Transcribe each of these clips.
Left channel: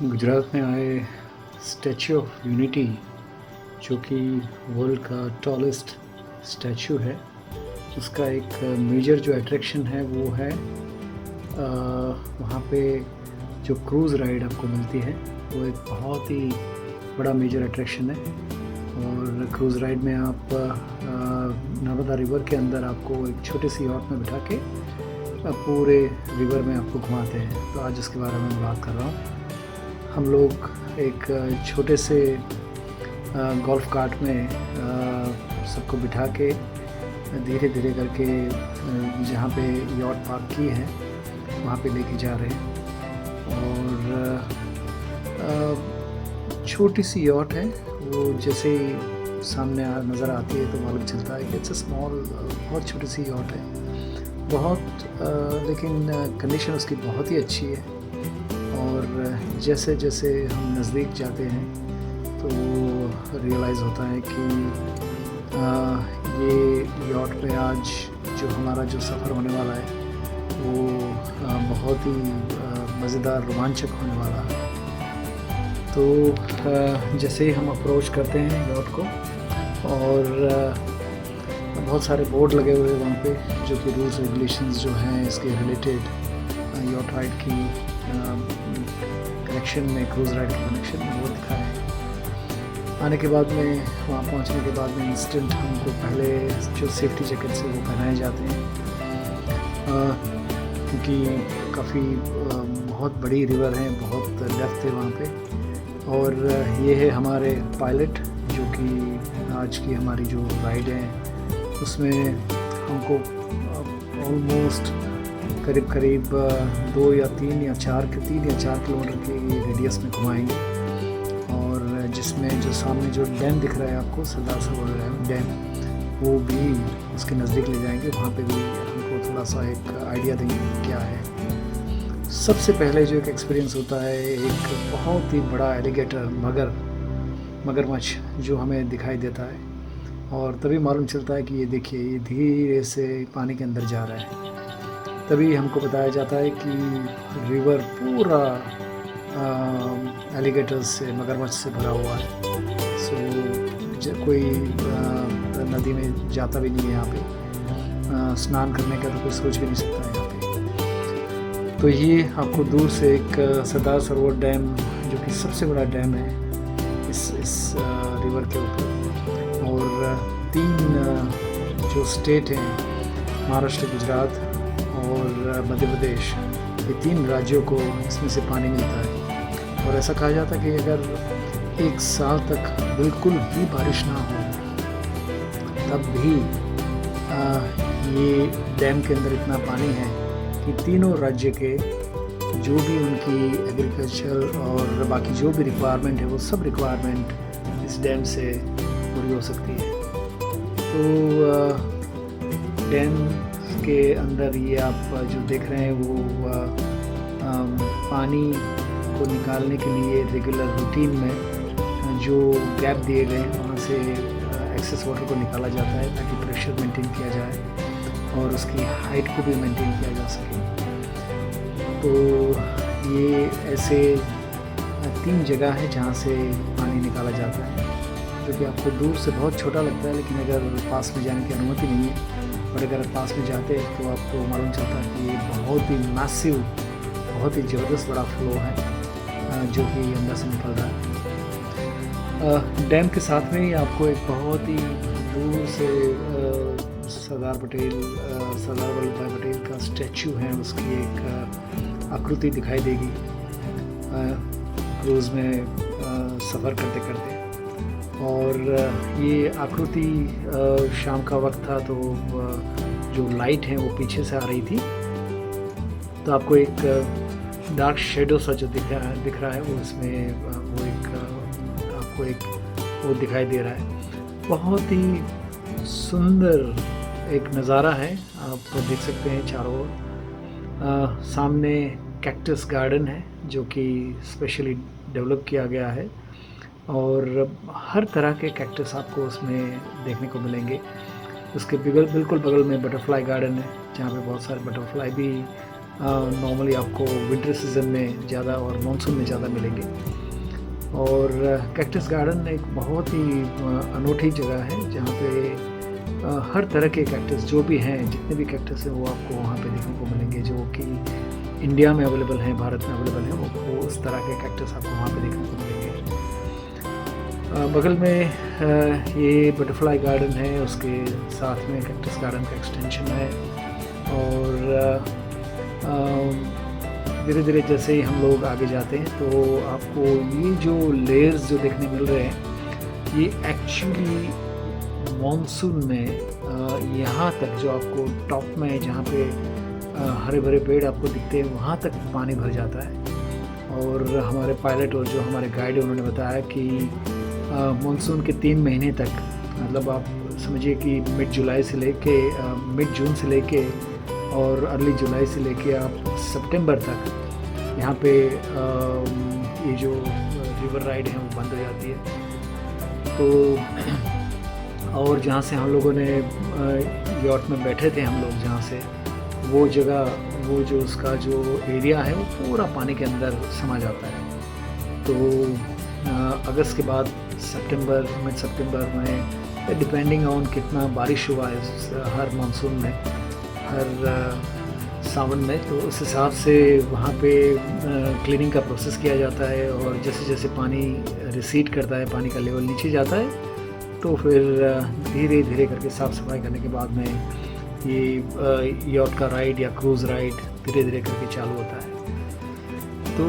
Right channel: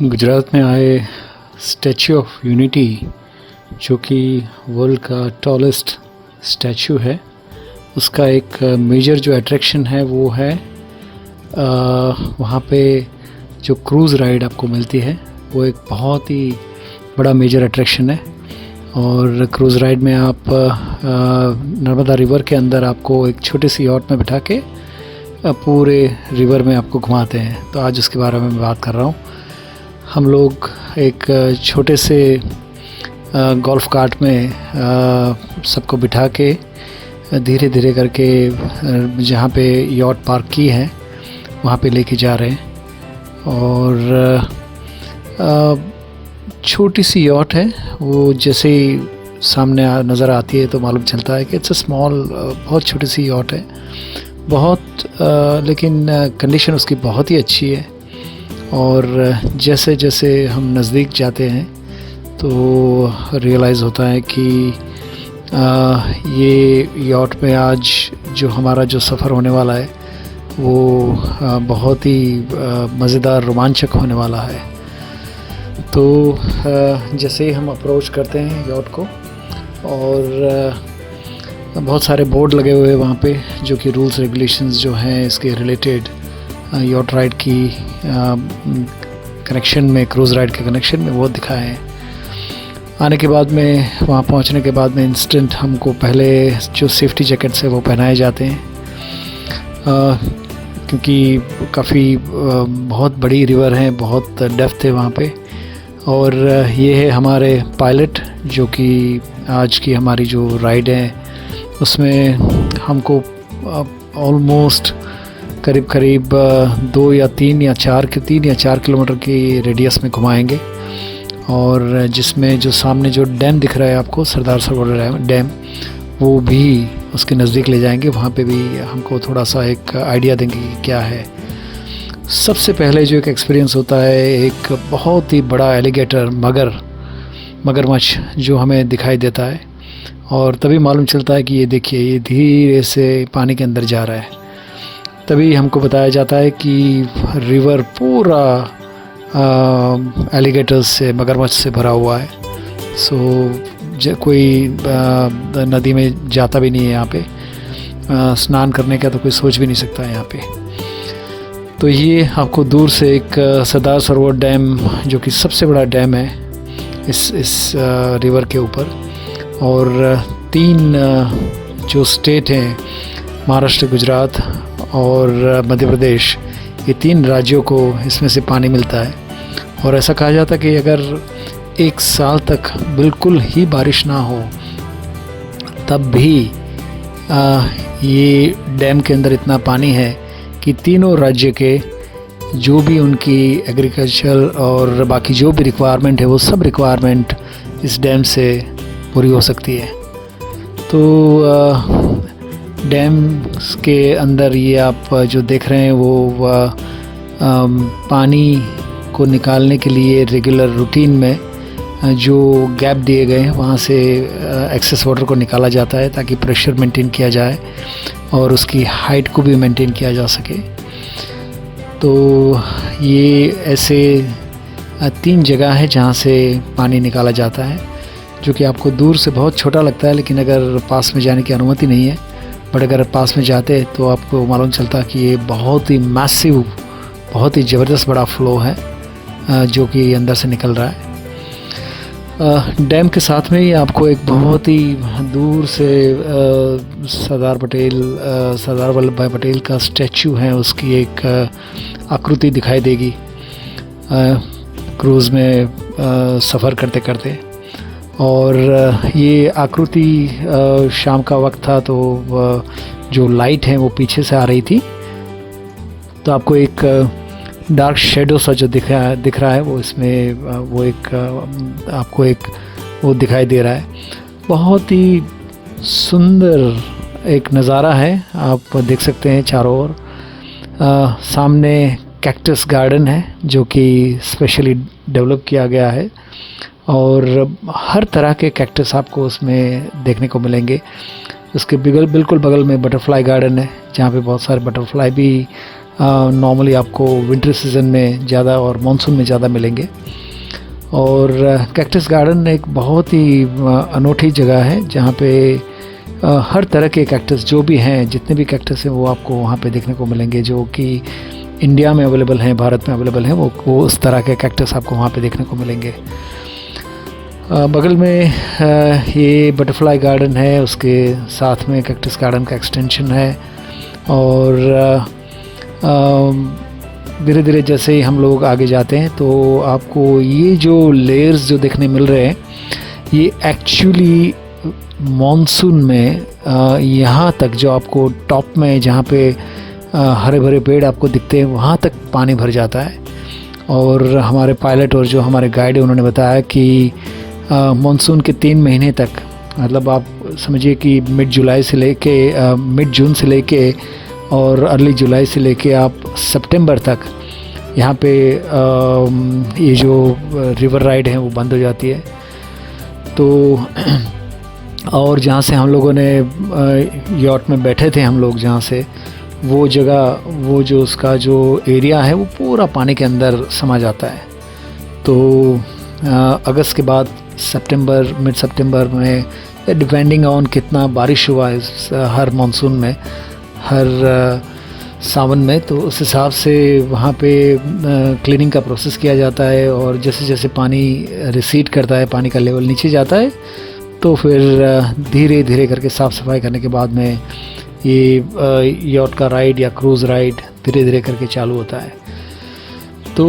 गुजरात में आए statue of unity, जो कि वर्ल्ड का टॉलेस्ट स्टैचू है, उसका एक मेजर जो अट्रैक्शन है वो है वहाँ पे जो क्रूज़ राइड आपको मिलती है वो एक बहुत ही बड़ा मेजर अट्रैक्शन है। और क्रूज़ राइड में आप नर्मदा रिवर के अंदर आपको एक छोटी सी यॉट में बिठा के पूरे रिवर में आपको घुमाते हैं। तो आज उसके बारे में मैं बात कर रहा हूँ। हम लोग एक छोटे से गोल्फ कार्ट में सबको बिठा के धीरे धीरे करके जहाँ पे यॉट पार्क की है वहाँ पे लेके जा रहे हैं। और छोटी सी यॉट है, वो जैसे ही सामने नज़र आती है तो मालूम चलता है कि इट्स अ स्मॉल, बहुत छोटी सी यॉट है, बहुत लेकिन कंडीशन उसकी बहुत ही अच्छी है। और जैसे जैसे हम नज़दीक जाते हैं तो रियलाइज़ होता है कि ये यॉट में आज जो हमारा जो सफ़र होने वाला है वो बहुत ही मज़ेदार, रोमांचक होने वाला है। तो जैसे ही हम अप्रोच करते हैं यॉट को, और बहुत सारे बोर्ड लगे हुए हैं वहाँ पे जो कि रूल्स रेगुलेशंस जो हैं इसके रिलेटेड यॉट राइड की कनेक्शन में, क्रूज़ राइड के कनेक्शन में वो दिखाए हैं। आने के बाद में, वहाँ पहुँचने के बाद में इंस्टेंट हमको पहले जो सेफ्टी जैकेट्स है वो पहनाए जाते हैं, क्योंकि काफ़ी बहुत बड़ी रिवर है, बहुत डेप्थ है वहाँ पे। और ये है हमारे पायलट जो कि आज की हमारी जो राइड है उसमें हमको ऑलमोस्ट करीब करीब 2 या 3 या 4 किलोमीटर की रेडियस में घुमाएंगे। और जिसमें जो सामने जो डैम दिख रहा है आपको, सरदार सरोवर डैम, वो भी उसके नज़दीक ले जाएंगे। वहाँ पे भी हमको थोड़ा सा एक आइडिया देंगे कि क्या है। सबसे पहले जो एक एक्सपीरियंस होता है, एक बहुत ही बड़ा एलिगेटर, मगरमच्छ जो हमें दिखाई देता है, और तभी मालूम चलता है कि ये देखिए, ये धीरे से पानी के अंदर जा रहा है। तभी हमको बताया जाता है कि रिवर पूरा एलिगेटर्स से, मगरमच्छ से भरा हुआ है। सो कोई नदी में जाता भी नहीं है यहाँ पे, स्नान करने का तो कोई सोच भी नहीं सकता है यहाँ पे। तो ये आपको दूर से एक सरदार सरोवर डैम, जो कि सबसे बड़ा डैम है इस रिवर के ऊपर, और 3 जो स्टेट हैं, महाराष्ट्र, गुजरात और मध्य प्रदेश, ये 3 राज्यों को इसमें से पानी मिलता है। और ऐसा कहा जाता है कि अगर 1 साल तक बिल्कुल ही बारिश ना हो तब भी ये डैम के अंदर इतना पानी है कि तीनों राज्य के जो भी उनकी एग्रीकल्चर और बाकी जो भी रिक्वायरमेंट है वो सब रिक्वायरमेंट इस डैम से पूरी हो सकती है। तो डैम के अंदर ये आप जो देख रहे हैं वो पानी को निकालने के लिए रेगुलर रूटीन में जो गैप दिए गए हैं वहाँ से एक्सेस वाटर को निकाला जाता है, ताकि प्रेशर मेंटेन किया जाए और उसकी हाइट को भी मेंटेन किया जा सके। तो ये ऐसे 3 जगह है जहाँ से पानी निकाला जाता है, जो कि आपको दूर से बहुत छोटा लगता है, लेकिन अगर पास में जाने की अनुमति नहीं है, बट अगर पास में जाते हैं तो आपको मालूम चलता है कि ये बहुत ही मैसिव, बहुत ही ज़बरदस्त बड़ा फ्लो है जो कि अंदर से निकल रहा है। डैम के साथ में ही आपको एक बहुत ही दूर से सरदार वल्लभ भाई पटेल का स्टैचू है, उसकी एक आकृति दिखाई देगी क्रूज़ में सफ़र करते करते। और ये आकृति शाम का वक्त था, तो जो लाइट है वो पीछे से आ रही थी, तो आपको एक डार्क शेडो सा जो दिख रहा है वो इसमें वो एक आपको एक वो दिखाई दे रहा है। बहुत ही सुंदर एक नज़ारा है, आप देख सकते हैं चारों ओर। सामने कैक्टस गार्डन है जो कि स्पेशली डेवलप किया गया है, और हर तरह के कैक्टस आपको उसमें देखने को मिलेंगे। उसके बिल्कुल बगल में बटरफ्लाई गार्डन है, जहाँ पे बहुत सारे बटरफ्लाई भी नॉर्मली आपको विंटर सीज़न में ज़्यादा और मानसून में ज़्यादा मिलेंगे। और कैक्टस गार्डन एक बहुत ही अनोखी जगह है जहाँ पे हर तरह के कैक्टस जो भी हैं, जितने भी कैक्टस हैं वो आपको वहाँ पे देखने को मिलेंगे, जो कि इंडिया में अवेलेबल हैं, भारत में अवेलेबल हैं, वो उस तरह के कैक्टस आपको वहाँ पे देखने को मिलेंगे। बगल में ये बटरफ्लाई गार्डन है, उसके साथ में कैक्टस गार्डन का एक्सटेंशन है। और धीरे धीरे जैसे ही हम लोग आगे जाते हैं तो आपको ये जो लेयर्स जो देखने मिल रहे हैं, ये एक्चुअली मॉनसून में यहाँ तक जो आपको टॉप में जहाँ पे हरे भरे पेड़ आपको दिखते हैं वहाँ तक पानी भर जाता है। और हमारे पायलट और जो हमारे गाइड है उन्होंने बताया कि मॉनसून के 3 महीने तक, मतलब आप समझिए कि मिड जून से लेके और अर्ली जुलाई से लेके आप सितंबर तक यहाँ पे ये जो रिवर राइड है वो बंद हो जाती है। तो और जहाँ से हम लोगों ने यॉट में बैठे थे हम लोग, जहाँ से वो जगह, वो जो उसका जो एरिया है वो पूरा पानी के अंदर समा जाता है। तो अगस्त के बाद सितंबर, मिड सितंबर में, डिपेंडिंग ऑन कितना बारिश हुआ है हर मानसून में, हर सावन में, तो उस हिसाब से वहाँ पे क्लीनिंग का प्रोसेस किया जाता है। और जैसे जैसे पानी रिसीड करता है, पानी का लेवल नीचे जाता है, तो फिर धीरे धीरे करके साफ़ सफाई करने के बाद में ये यॉट का राइड या क्रूज़ राइड धीरे धीरे करके चालू होता है। तो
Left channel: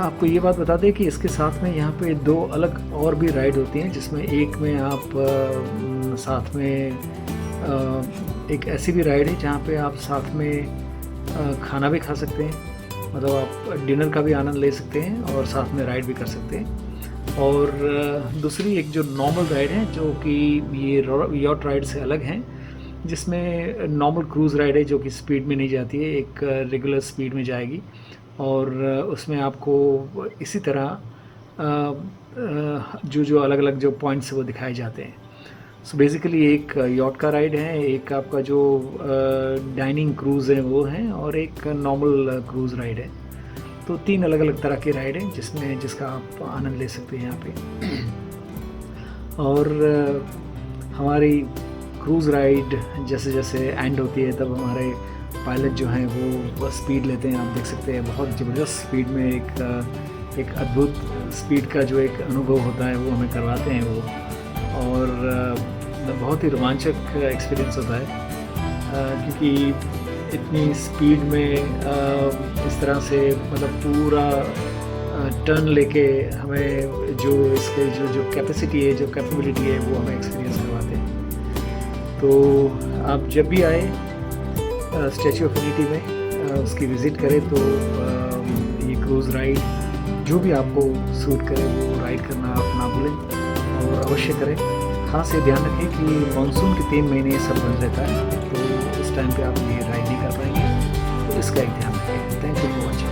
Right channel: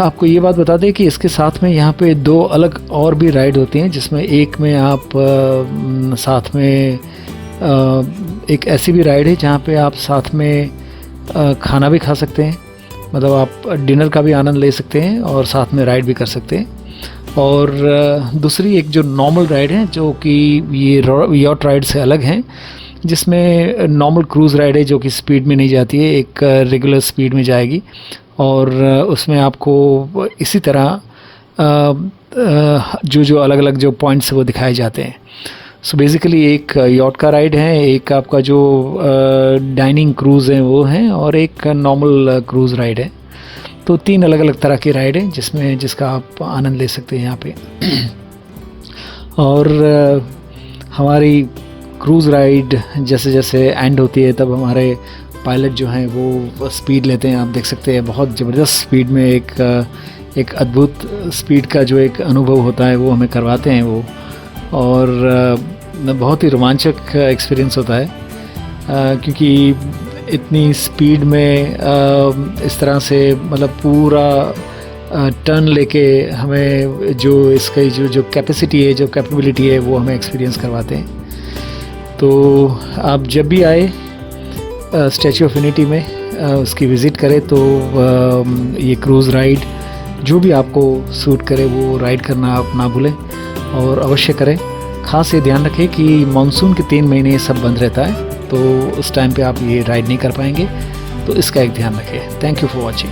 आपको ये बात बता दें कि इसके साथ में यहाँ पे 2 अलग और भी राइड होती हैं, जिसमें एक में आप साथ में एक ऐसी भी राइड है जहाँ पे आप साथ में खाना भी खा सकते हैं, मतलब आप डिनर का भी आनंद ले सकते हैं और साथ में राइड भी कर सकते हैं। और दूसरी एक जो नॉर्मल राइड है, जो कि ये यॉट राइड से अलग हैं, जिसमें नॉर्मल क्रूज़ राइड है जो कि स्पीड में नहीं जाती है, एक रेगुलर स्पीड में जाएगी। और उसमें आपको इसी तरह जो अलग अलग जो पॉइंट्स वो दिखाए जाते हैं। सो बेसिकली एक यॉट का राइड है, एक आपका जो डाइनिंग क्रूज़ है वो है, और एक नॉर्मल क्रूज़ राइड है। तो 3 अलग अलग तरह की राइड है जिसका आप आनंद ले सकते हैं यहाँ पे। और हमारी क्रूज़ राइड जैसे जैसे एंड होती है तब हमारे पायलट जो हैं वो स्पीड लेते हैं। आप देख सकते हैं बहुत ज़बरदस्त स्पीड में एक अद्भुत स्पीड का जो एक अनुभव होता है वो हमें करवाते हैं वो। और बहुत ही रोमांचक एक्सपीरियंस होता है, क्योंकि इतनी स्पीड में इस तरह से मतलब पूरा टर्न लेके हमें जो इसकी जो कैपेसिटी है, जो कैपेबिलिटी है, वो हमें एक्सपीरियंस करवाते हैं। तो आप जब भी आए स्टैचू ऑफ यूनिटी में उसकी विज़िट करें तो ये क्रूज़ राइड जो भी आपको सूट करे वो राइड करना आप ना भूलें और अवश्य करें। ख़ास ये ध्यान रखें कि मानसून के 3 महीने सब बंद रहता है, तो उस टाइम पे आप ये राइड नहीं कर पाएंगे, तो इसका एक ध्यान रखें। Thank you for watching.